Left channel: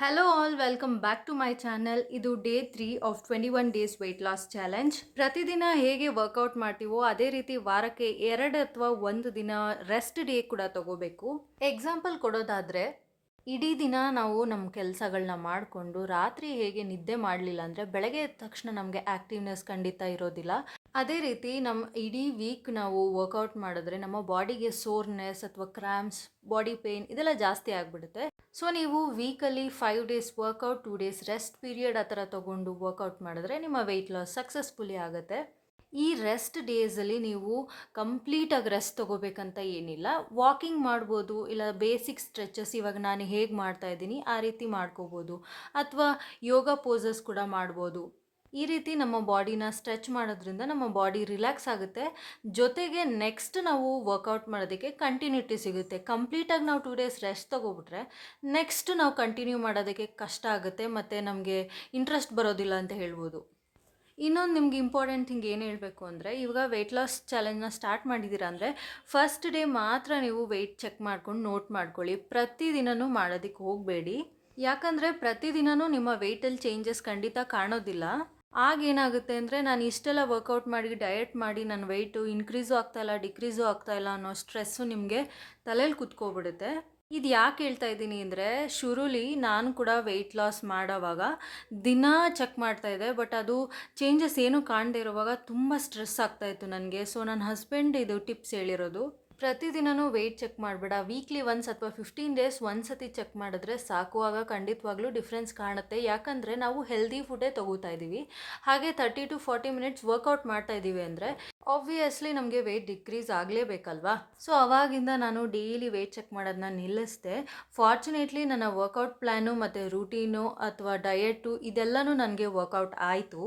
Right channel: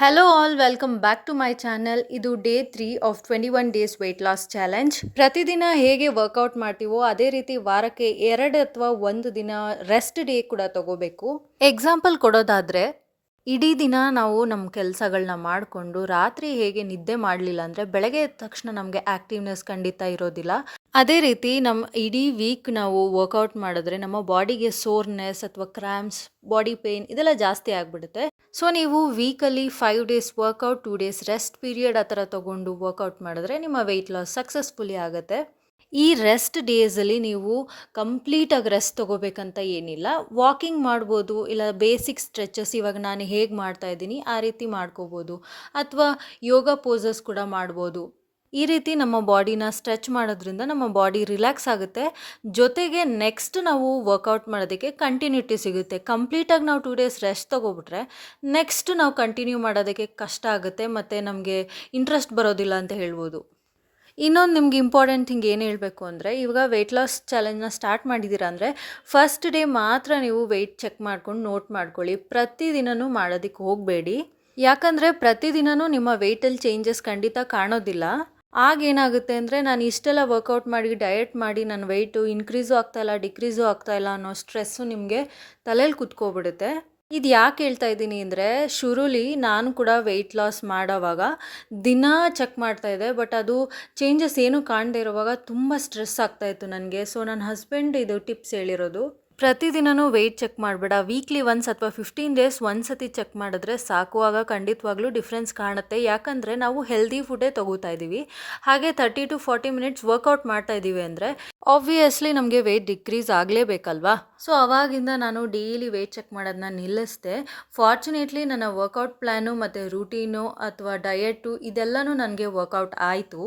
Hello all welcome back to my channel. ಇದು day 3 of 21 days weight loss challenge. ಪ್ರತಿದಿನ ಹೇಗೆ workout ಮಾಡ್ತೀವೋ ಅದೇ ರೀತಿ ವಾರಕ್ಕೆ 2 ಅಥವಾ 1 ದಿನ ರೆಸ್ಟ್ ಡೇ ಕೂಡ ತಗೋಬೇಕು. ಎಕ್ಸಾಂಪಲ್ ಕೊಡೋದಾದ್ರೆ, ಇಡೀ ದಿನ ನಾವು ನಮ್ಮ ಕೆಲಸಗಳನ್ನ ಮಾಡಿಕೊಂಡು ರಾತ್ರಿ ಹೇಗೆ ನಿದ್ದೆ ಮಾಡಲಿಲ್ಲ ಅಂದರೆ ಬೆಳಗ್ಗೆ ಎದ್ದ ತಕ್ಷಣ ನಮಗೆ ಆ್ಯಕ್ಟಿವ್ನೆಸ್ ಖಂಡಿತ ಇರೋದಿಲ್ಲ. ಅದೇ ರೀತಿ ನಮ್ಮ ಇಡೀ ವೀಕ್ ನಾವು ವರ್ಕೌಟ್ ಮಾಡಿದ್ರೆ ನಮ್ಮ ಬಾಡಿಗೆ ಸೋರ್ನೆಸ್ ಅಥವಾ ಕ್ರ್ಯಾಂಪ್ಸ್, ಬಾಡಿ ಪೇಯ್ನ್ ಇದೆಲ್ಲ ಜಾಸ್ತಿ ಆಗಿಬಿಡುತ್ತೆ. ಸೊ ನೀವು weekly 5 days workout, 2 days rest period ಆ ಥರ ತೊಗೊಂಡು ವರ್ಕೌಟ್ ಮಾಡಿದ್ರೆ ನಿಮ್ಮ ವೆಯ್ಟ್ ಲಾಸ್ ಸಕ್ಸಸ್ಫುಲಿ ಆಗುತ್ತೆ. ಈ ರೆಸ್ಟ್ ಡೇಸಲ್ಲಿ ನೀವು ಕಂಪ್ಲೀಟಾಗಿ ರೆಸ್ಟ್ ತೊಗೋಬೇಕಂತ ಏನಿಲ್ಲ. ವಾಕಿಂಗ್ ಮಾಡ್ಬೋದು, ಇಲ್ಲ ಬೇಸಿಕ್ ಸ್ಟ್ರೆಚಸ್ ಇವಾಗ ನಾನು ಹೇಗೆ ಮಾಡ್ತಾ ಇದ್ದೀನಿ ಆ ರೀತಿ ಮಾಡ್ಕೋಬೋದು, ಅಥವಾ ಯೋಗ ಪೋಸಸ್ ಕೂಡ ಮಾಡ್ಬೋದು. ಈ ರೀತಿ ನಮ್ಮ ಬಾಡಿನ ಸ್ಟ್ರೆಚ್ ಮಾಡೋದ್ರಿಂದ ನಮ್ಮ ಬಾಡಿ ರಿಲ್ಯಾಕ್ಸ್ ಆಗುತ್ತೆ. ಜೊತೆಗೆ ನೆಕ್ಸ್ಟ್ ನಾವು ವರ್ಕೌಟ್ ಮಾಡೋದಕ್ಕೆ ಕಂಟಿನ್ಯೂಟಿ ಸಿಗುತ್ತೆ. ಕಂಪ್ಲೀಟಾಗಿ ನಾವು 2 ಡೇಸ್ ರೆಸ್ಟ್ ತೊಗೊಬಿಟ್ರೆ ನೆಕ್ಸ್ಟ್ ನಾವು ಕಂಟಿನ್ಯೂ ಮಾಡೋದಕ್ಕೆ ಕಷ್ಟ ಆಗುತ್ತೆ ಮತ್ತು ನಮಗೆ ಇಂಟ್ರೆಸ್ಟ್ ಬರೋದಿಲ್ಲ ಅಂತ ಹೇಳ್ಬೋದು. ಇನ್ನೊಂದು ನಿಮ್ಗೆ ಇಂಪಾರ್ಟೆಂಟ್ ಥಿಂಗ್ ಏನು ಹೇಳಬೇಕು ಅಂದರೆ, ಇವಾಗ ವೆಯ್ಟ್ ಲಾಸ್ ಚಾಲೆಂಜ್ನ ಸ್ಟಾರ್ಟ್ ಮಾಡಿದ್ದೀರಾ ಅಂದರೆ ಫಸ್ಟ್ ಡೇ ಮಾತ್ರ ನೀವು ವೆಯ್ಟ್ ಚೆಕ್ ಮಾಡ್ಕೊಂಡು ನೋಟ್ ಮಾಡ್ಕೊಳ್ಳಿ. ಪ್ರತಿದಿನವೂ ಮಾಡೋದಕ್ಕೆ ಹೋಗಬೇಡಿ. ಯಾಕಂದರೆ ಪ್ರತಿದಿನವೂ ನಿಮ್ಮ ವೆಯ್ಟಲ್ಲಿ ಚೇಂಜಸ್ ಖಂಡಿತ ಕಾಣೋದಿಲ್ಲ. ಆಗೇನಾಗುತ್ತೆ ಅಂದರೆ, ನಾನು ಇಷ್ಟೆಲ್ಲ ವರ್ಕೌಟ್ ಮಾಡಿ ಡಯಟ್ ಮಾಡಿ ನನ್ನ ವೆಯ್ಟು ಇನ್ಕ್ರೀಸು ಆಗ್ತಾಯಿಲ್ಲ, ಡಿಕ್ರೀಸು ಆಗ್ತಾಯಿಲ್ಲ ಅನ್ನೋ ಸ್ಟ್ರೆಸ್ಸು ನಿಮಗೆ ತಲೆಯಲ್ಲಿ ಕುತ್ಕೊಬಿಡುತ್ತೆ. ಇದು ಯಾಕೆ ಹೇಳ್ತಾ ಇದ್ದೀನಿ ಅಂದರೆ, ಶುರುಲಿ ನಾನು ಕೂಡ ವೆಯ್ಟ್ ಲಾಸ್ ಮಾಡೋವಾಗ ದಿನ ಚೆಕ್ ಮಾಡ್ತಾಯಿದ್ದೆ, ಬಟ್ ಅದು ಚೇಂಜಸ್ ಏನೂ ಕಾಣದೇ ಇರೋವಾಗ ತುಂಬ ಸ್ಟ್ರೆಸ್ ಆಗ್ತಾಯಿತ್ತು ನನಗೆ. ಸೊ ನನ್ನ ಹಸ್ಬೆಂಡ್ ಇದು ಟಿಪ್ಸ್ ಹೇಳಿರೋದು, ಪ್ರತಿದಿನವೂ ವೆಯ್ಟ್ ಚೆಕ್ ಮಾಡಬೇಡ, ವೀಕ್ಲಿ ಒನ್ಸ್ ಅಥವಾ 15 ಡೇಸ್ ಒಂದ್ಸತಿ ಚೆಕ್ ಮಾಡಿದ್ರೆ ಸಾಕುವಾಗ ಖಂಡಿತವಾಗ್ಲೂ ಡಿಫ್ರೆನ್ಸ್ ಕಾಣುತ್ತೆ. ಯಾಕಂದರೆ ನಾವು ಹೆಲ್ದಿ ಫುಡ್ಡೇ ತೊಗೋತಾ ಇದ್ದೀವಿ, ಹಾಗೆ 30 to 40 ಮಿನಿಟ್ಸ್ ವರ್ಕೌಟ್ ಮಾಡ್ತಾ ಇದ್ದೀವಿ ಅಂದರೆ ಆಬ್ವಿಯಸ್ಲಿ ನಮಗೆ ವೆಯ್ಟ್ ಡಿಕ್ರೀಸ್ ಆಗಲೇಬೇಕಲ್ವಾ. ಸೊ ಅವಾಗಿಂದ ನಾನು ಡೈಲಿ ವೆಯ್ಟ್ ಚೆಕ್ ಮಾಡೋದನ್ನ ನಿಲ್ಲಿಸಿದೆ. ಫಾರ್ಚುನೇಟ್ಲಿ ನನ್ನ ವರ್ಕೌಟ್ ಪ್ಲ್ಯಾನು ಮತ್ತು ರೂಟೀನು ಅಥವಾ ಡಯಟು ಇದೆಲ್ಲನೂ ನನಗೆ ವರ್ಕೌಟ್ ಆಯಿತು.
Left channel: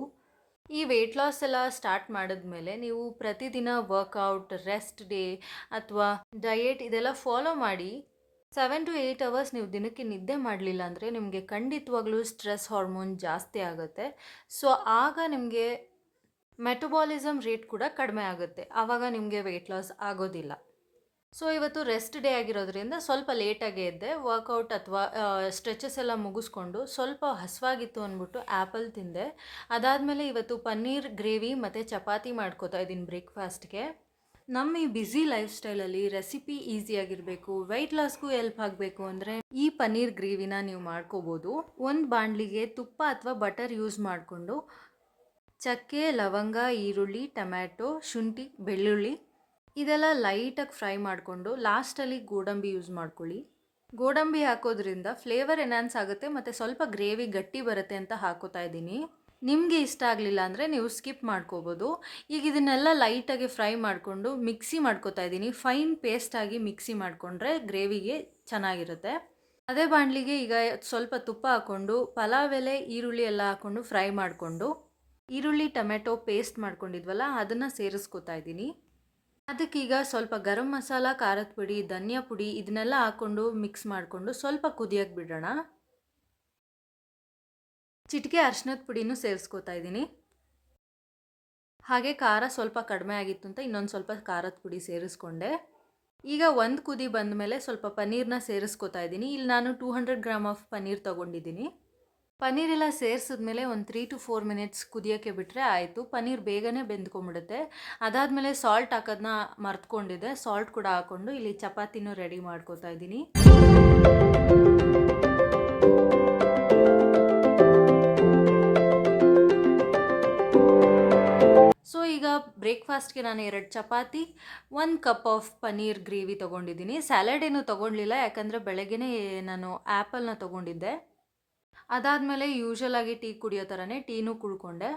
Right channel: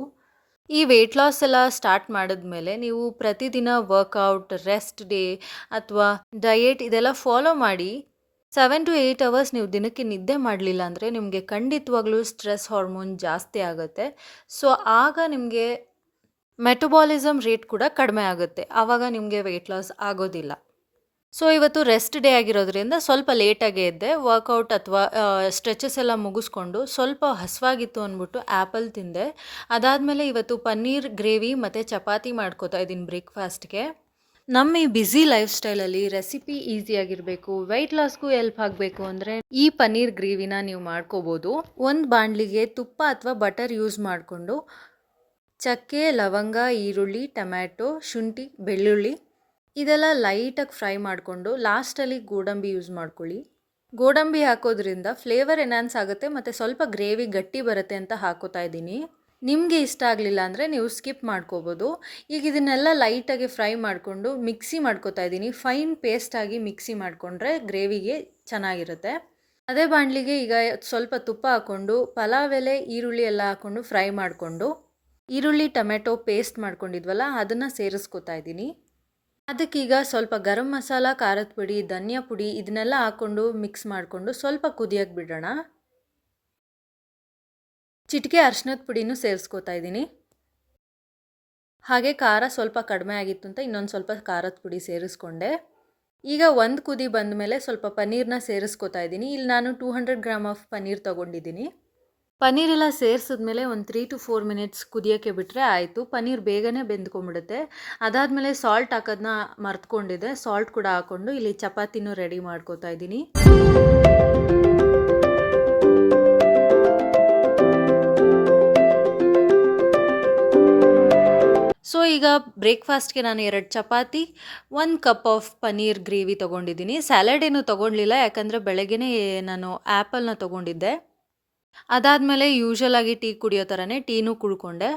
ಈ ವೆಯ್ಟ್ ಲಾಸ್ ಎಲ್ಲ ಸ್ಟಾರ್ಟ್ ಮಾಡಿದ್ಮೇಲೆ ನೀವು ಪ್ರತಿದಿನ ವರ್ಕೌಟ್, ರೆಸ್ಟ್ ಡೇ ಅಥವಾ ಡಯೆಟ್ ಇದೆಲ್ಲ ಫಾಲೋ ಮಾಡಿ 7 to 8 ಅವರ್ಸ್ ನೀವು ದಿನಕ್ಕೆ ನಿದ್ದೆ ಮಾಡಲಿಲ್ಲ ಅಂದರೆ ನಿಮಗೆ ಖಂಡಿತವಾಗ್ಲೂ ಸ್ಟ್ರೆಸ್ ಹಾರ್ಮೋನ್ ಜಾಸ್ತಿ ಆಗುತ್ತೆ. ಸೊ ಆಗ ನಿಮಗೆ ಮೆಟಬಾಲಿಸಮ್ ರೇಟ್ ಕೂಡ ಕಡಿಮೆ ಆಗುತ್ತೆ. ಆವಾಗ ನಿಮಗೆ ವೆಯ್ಟ್ ಲಾಸ್ ಆಗೋದಿಲ್ಲ. ಸೊ ಇವತ್ತು ರೆಸ್ಟ್ ಡೇ ಆಗಿರೋದ್ರಿಂದ ಸ್ವಲ್ಪ ಲೇಟಾಗೇ ಎದ್ದೆ. ವರ್ಕೌಟ್ ಅಥವಾ ಸ್ಟ್ರೆಚಸ್ ಎಲ್ಲ ಮುಗಿಸ್ಕೊಂಡು ಸ್ವಲ್ಪ ಹಸಿವಾಗಿತ್ತು ಅಂದ್ಬಿಟ್ಟು ಆ್ಯಪಲ್ ತಿಂದೆ. ಅದಾದಮೇಲೆ ಇವತ್ತು ಪನ್ನೀರ್ ಗ್ರೇವಿ ಮತ್ತು ಚಪಾತಿ ಮಾಡ್ಕೋತಾ ಇದ್ದೀನಿ ಬ್ರೇಕ್ಫಾಸ್ಟ್ಗೆ. ನಮ್ಮ ಈ ಬ್ಯುಸಿ ಲೈಫ್ ಸ್ಟೈಲಲ್ಲಿ ರೆಸಿಪಿ ಈಸಿಯಾಗಿರಬೇಕು, ವೆಯ್ಟ್ ಲಾಸ್ಗೂ ಹೆಲ್ಪ್ ಆಗಬೇಕು ಅಂದರೆ ಈ ಪನ್ನೀರ್ ಗ್ರೇವಿನ ನೀವು ಮಾಡ್ಕೋಬೋದು. ಒಂದು ಬಾಣಲಿಗೆ ತುಪ್ಪ ಅಥವಾ ಬಟರ್ ಯೂಸ್ ಮಾಡಿಕೊಂಡು ಚಕ್ಕೆ, ಲವಂಗ, ಈರುಳ್ಳಿ, ಟೊಮ್ಯಾಟೊ, ಶುಂಠಿ, ಬೆಳ್ಳುಳ್ಳಿ ಇದೆಲ್ಲ ಲೈಟಾಗಿ ಫ್ರೈ ಮಾಡಿಕೊಂಡು ಲಾಸ್ಟಲ್ಲಿ ಗೋಡಂಬಿ ಯೂಸ್ ಮಾಡ್ಕೊಳ್ಳಿ. ಗೋಡಂಬಿ ಹಾಕೋದ್ರಿಂದ ಫ್ಲೇವರ್ ಎನ್ಹಾನ್ಸ್ ಆಗುತ್ತೆ ಮತ್ತು ಸ್ವಲ್ಪ ಗ್ರೇವಿ ಗಟ್ಟಿ ಬರುತ್ತೆ ಅಂತ ಹಾಕೋತಾ ಇದ್ದೀನಿ. ನಿಮಗೆ ಇಷ್ಟ ಆಗಲಿಲ್ಲ ಅಂದರೆ ನೀವು ಸ್ಕಿಪ್ ಮಾಡ್ಕೋಬೋದು. ಈಗ ಇದನ್ನೆಲ್ಲ ಲೈಟಾಗಿ ಫ್ರೈ ಮಾಡಿಕೊಂಡು ಮಿಕ್ಸಿ ಮಾಡ್ಕೋತಾ ಇದ್ದೀನಿ. ಫೈನ್ ಪೇಸ್ಟಾಗಿ ಮಿಕ್ಸಿ ಮಾಡಿಕೊಂಡ್ರೆ ಗ್ರೇವಿಗೆ ಚೆನ್ನಾಗಿರುತ್ತೆ. ಅದೇ ಬಾಣಲಿಗೆ ಈಗ ಸ್ವಲ್ಪ ತುಪ್ಪ ಹಾಕ್ಕೊಂಡು ಪಲಾವ್ ಎಲೆ, ಈರುಳ್ಳಿ ಎಲ್ಲ ಹಾಕ್ಕೊಂಡು ಫ್ರೈ ಮಾಡಿಕೊಂಡು ಈರುಳ್ಳಿ ಟೊಮೆಟೊ ಪೇಸ್ಟ್ ಮಾಡ್ಕೊಂಡಿದ್ವಲ್ಲ ಅದನ್ನು ಸೇರಿಸ್ಕೋತಾ ಇದ್ದೀನಿ. ಅದಕ್ಕೀಗ ಸ್ವಲ್ಪ ಗರಂ ಮಸಾಲ, ಖಾರದ ಪುಡಿ, ಧನಿಯಾ ಪುಡಿ ಇದನ್ನೆಲ್ಲ ಹಾಕ್ಕೊಂಡು ಮಿಕ್ಸ್ ಮಾಡಿಕೊಂಡು ಸ್ವಲ್ಪ ಕುದಿಯೋಕ್ಕೆ ಬಿಡೋಣ. ಚಿಟಿಕೆ ಅರಿಶಿನದ ಪುಡಿನೂ ಸೇರಿಸ್ಕೋತಾ ಇದ್ದೀನಿ. ಹಾಗೆ ಖಾರ ಸ್ವಲ್ಪ ಕಡಿಮೆ ಆಗಿತ್ತು ಅಂತ ಇನ್ನೊಂದು ಸ್ವಲ್ಪ ಖಾರದ ಪುಡಿ ಸೇರಿಸ್ಕೊಂಡೆ. ಈಗ ಒಂದು ಕುದಿ ಬಂದ ಮೇಲೆ ಸ್ವಲ್ಪ ಪನ್ನೀರನ್ನ ಸೇರಿಸ್ಕೋತಾ ಇದ್ದೀನಿ. ಇಲ್ಲಿ ನಾನು 200 ಗ್ರಾಮ್ ಆಫ್ ಪನ್ನೀರ್ ತೊಗೊಂಡಿದ್ದೀನಿ. ಪನ್ನೀರೆಲ್ಲ ಸೇರಿಸಿದ್ಮೇಲೆ ಒಂದು 3 to 4 ಮಿನಿಟ್ಸ್ ಕುದಿಯೋಕ್ಕೆ ಬಿಟ್ಟರೆ ಆಯಿತು. ಪನ್ನೀರ್ ಬೇಗನೆ ಬೆಂದ್ಕೊಂಬಿಡುತ್ತೆ. ಅದಾದಮೇಲೆ ಸಾಲ್ಟ್ ಹಾಕೋದನ್ನ ಮರ್ತ್ಕೊಂಡಿದ್ದೆ, ಸಾಲ್ಟ್ ಕೂಡ ಹಾಕ್ಕೊಂಡು ಇಲ್ಲಿ ಚಪಾತಿನೂ ರೆಡಿ ಮಾಡ್ಕೋತಾ ಇದ್ದೀನಿ. ಸೊ ಈಗ ಬ್ರೇಕ್ಫಾಸ್ಟ್ಗೆ ನಾನು 2 chapati, 1 cup of paneer gravy ತೊಗೊಂಡಿದ್ದೀನಿ. ಸ್ಯಾಲಡ್ ಏನೂ ತೊಗೊಳ್ಲಿಲ್ಲ, ಯಾಕಂದರೆ ಬೆಳಗ್ಗೆನೇ ನಾನು ಆ್ಯಪಲ್ನ ತೊಗೊಂಡಿದ್ದೆ. ಅದಾದಮೇಲೆ ಯೂಶ್ವಲಾಗಿ ಟೀ ಕುಡಿಯೋ ಥರನೇ ಟೀನೂ ಕುಡ್ಕೊಂಡೆ.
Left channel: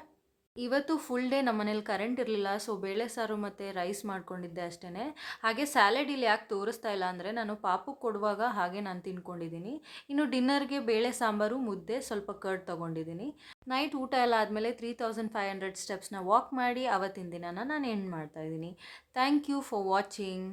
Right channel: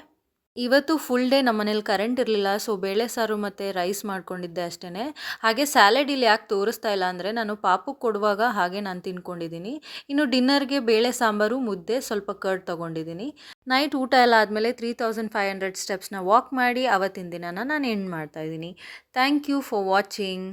ಇವತ್ತು ಫುಲ್ ಡೇ ನಮ್ಮ ಮನೇಲಿ ಕರೆಂಟ್ ಇರಲಿಲ್ಲ, ಸೊ ಬೇಳೆ ಸಾರು ಮತ್ತು ರೈಸ್ ಮಾಡ್ಕೊಂಡಿದ್ದೆ ಅಷ್ಟೇ. ಹಾಗೆ ಸ್ಯಾಲಡ್ ಇಲ್ಲಿ ಯಾಕೆ ತೋರಿಸ್ತಾ ಇಲ್ಲ ಅಂದರೆ ನಾನು ಪಾಪುಗೆ ಕೊಡುವಾಗ ಹಾಗೆ ನಾನು ತಿನ್ಕೊಂಡಿದ್ದೀನಿ. ಇನ್ನು ಡಿನ್ನರ್ಗೆ ಬೇಳೆ ಸಾಂಬಾರು, ಮುದ್ದೆ, ಸ್ವಲ್ಪ ಕರ್ಡ್ ತೊಗೊಂಡಿದ್ದೀನಿ. ನೈಟ್ ಊಟ ಎಲ್ಲ ಆದಮೇಲೆ 3500 ಸ್ಟೆಪ್ಸ್ನ ವಾಕ್ ಮಾಡಿ ಅವತ್ತಿನ ದಿನನ ನಾನು ಎಂಡ್ ಮಾಡ್ತಾಯಿದ್ದೀನಿ. Thank you for watching.